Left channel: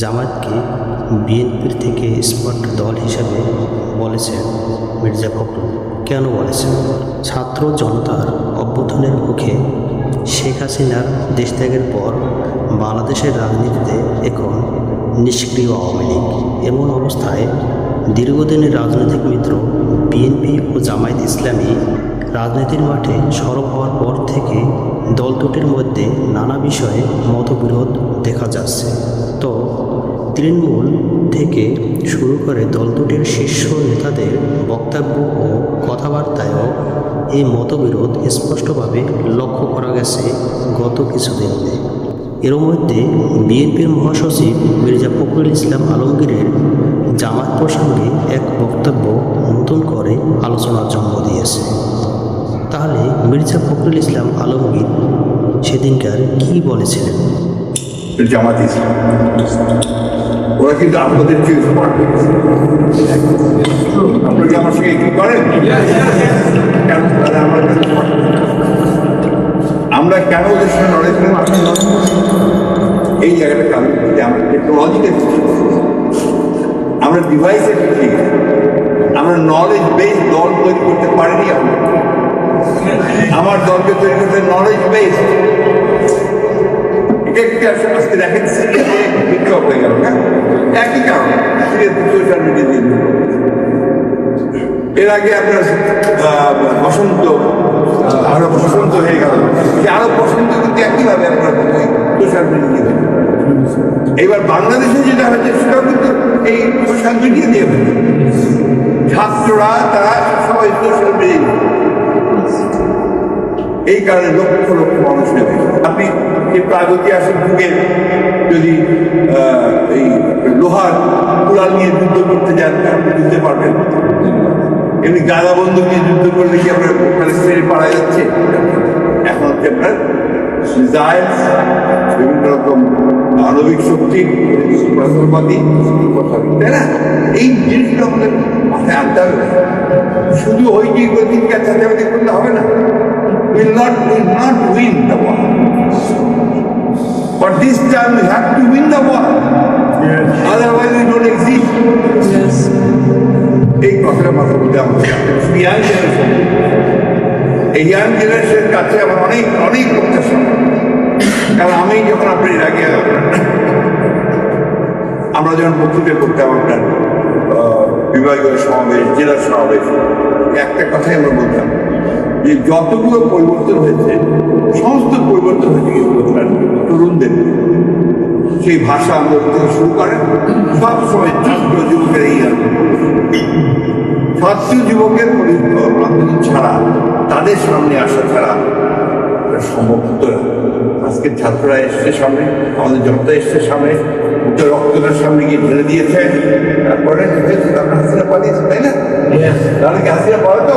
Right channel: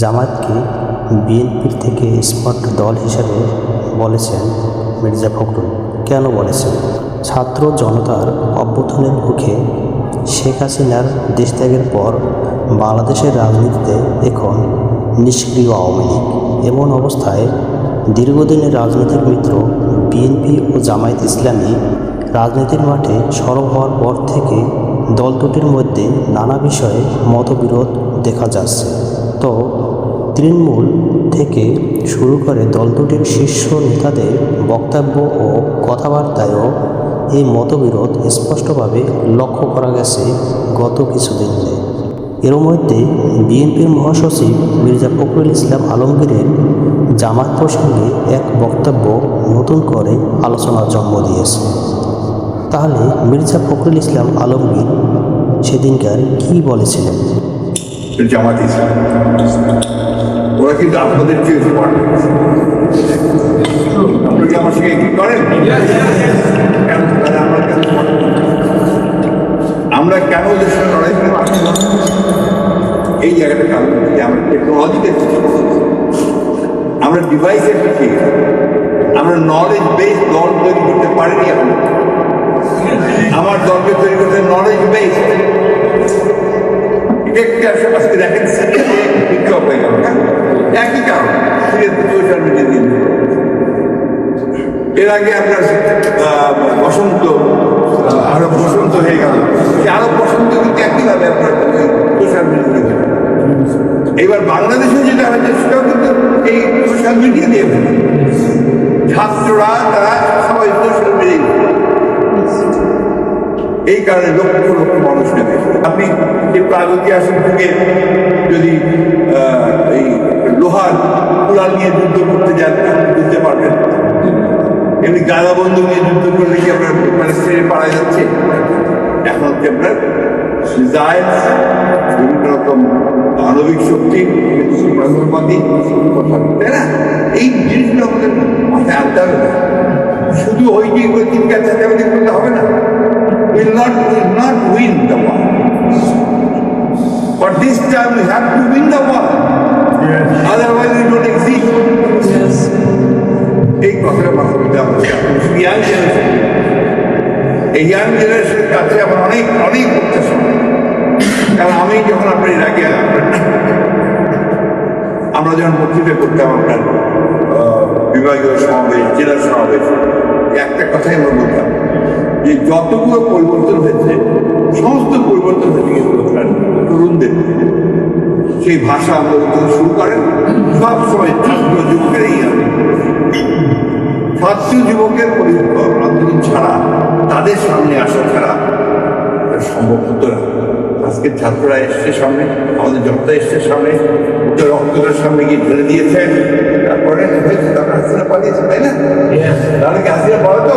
জামায়াতকে বিএনপির থেকে স্মার্ট দল হিসেবে বলেছেন মির্জা ফখরুল। কেন বলেছেন? ছাত্র জনতার অভ্যুত্থানের মুখে শেখ হাসিনার দেশত্যাগের পর বাংলাদেশের রাজনীতিতে এখন নিষ্ক্রিয় আওয়ামী লীগ। এমন অবস্থায় দীর্ঘদিনের রাজনৈতিক মিত্র বিএনপি ও জামায়াত ইসলামী রাজনীতির মাঠে সরব হওয়ার পর থেকে দল দুটির মধ্যে নানা বিষয়ে মতবিরোধ দেখা যাচ্ছে। তো তৃণমূল থেকে শুরু করে দল দুটির শীর্ষ নেতাদের বক্তব্য ও কথাবার্তায়ও এই মতবিরোধ স্পষ্টভাবে লক্ষ্য করা গেছে গত কিছুদিনে। এর মধ্যে বিএনপির মহাসচিব মির্জা ফখরুল ইসলাম আলমগীরের জামায়াত প্রসঙ্গে এক বক্তব্য নতুন করে আলোচনার জন্ম দিয়েছে। তাহলে মির্জা ফখরুল ইসলাম আলমগীর সেদিনকার কি বলেছিলেন? জামাত ইসলাম ওরা কিন্তু আপনাদের চেয়ে স্মার্ট হয়ে গেছে। আপনারা কি আমার সঙ্গে কি করেন? কেন তাহলে আমরা কেন স্মার্ট? আমরা কেন ওদের সঙ্গে লড়াই করে পারছি? এই জায়গাটা কারণ যে আমরা টেকনোলজিতে পিছিয়ে গেছি, আমরা ডিভাইসে পিছিয়ে গেছি, আমরা নলেজ বেস দল তৈরি করতে পারিনি এখন। আমার দলকে তৈরি করতে নলেজ বেস। আজকে দেখেন সিরিয়াতে বিক্ষোভ হয়ে গেল, হ্যাঁ একই কারণ, সিরিয়াতে সোশ্যাল মিডিয়া দিয়ে এর আগে আপনার বসন্ত আরো বসন্ত হয়ে গেল, সে আরো বসন্ত কিন্তু একইভাবে আপনার সোশ্যাল মিডিয়া দিয়ে হয়ে গেল। এবার বাংলাদেশে যেটা হয়েছে সেটাও কিন্তু এই সোশ্যাল মিডিয়া দিয়ে হয়েছে। ছাত্ররা তারা সবাই সোশ্যাল মিডিয়া, এই কারণে লক্ষ লক্ষ মানুষ নেবে। আপনি এই প্রাগৈতিহাসিক যুগে যদি এই লোহার কুড়াল নিয়ে যুদ্ধ করতে যান আপনি বুঝতে পারবেন। এমনি গাদা বন্দুক নিয়ে যুদ্ধ করলে কি আপনার প্যালেস্টাইনে পারা যাচ্ছে? এখন হচ্ছে আপনার মিসাইল, বিভিন্ন রকম আণবিক শক্তি, যন্ত্রপাতি, তাই না? এই জিনিসগুলো আমাদের মাথায় আনতে হবে না। শুধু ওই যে তিন কাজ চাচাবাদি করলে হবে না। will not win the war. But this time we have to win the war. Yes. Otherwise we don't exist. Yes. এই কথাটা মাথার মধ্যে আমাদের ইয়াং জেনারেশন, এই ইয়াং জেনারেশনের কাছে আমার অনেক অনেক প্রত্যাশা। কারণ আমি যখন আপনার এর আগে আমরা যখন বক্তৃতা করতাম আপনার বিভাগীয় সমাবেশ, জেলা সমাবেশ, একটা কথাই আমরা বলতাম যে যতগুলো পরিবর্তন হয়েছে সমস্ত পরিবর্তন হয়েছে কিন্তু আপনার তরুণদের। সেই ভাষা আন্দোলন থেকে শুরু করেন সব সময় ছাত্র যুবকের এই আন্দোলন, ছাত্র যুবকের আন্দোলন ছাড়া, তাদের সামনে আসা ছাড়া সম্ভব হতো না। আজকে ছাত্ররা এসছে সামনে, আমাদের জনতা এসছে সামনে, উচ্চ রক্তটার সামনে গিয়ে ঢেলে দিয়েছেন, তারপরে হয়েছে তারপরে হাসিনা পালিয়েছে, তাই না? তাহলে কি হাসিনা পালাতো?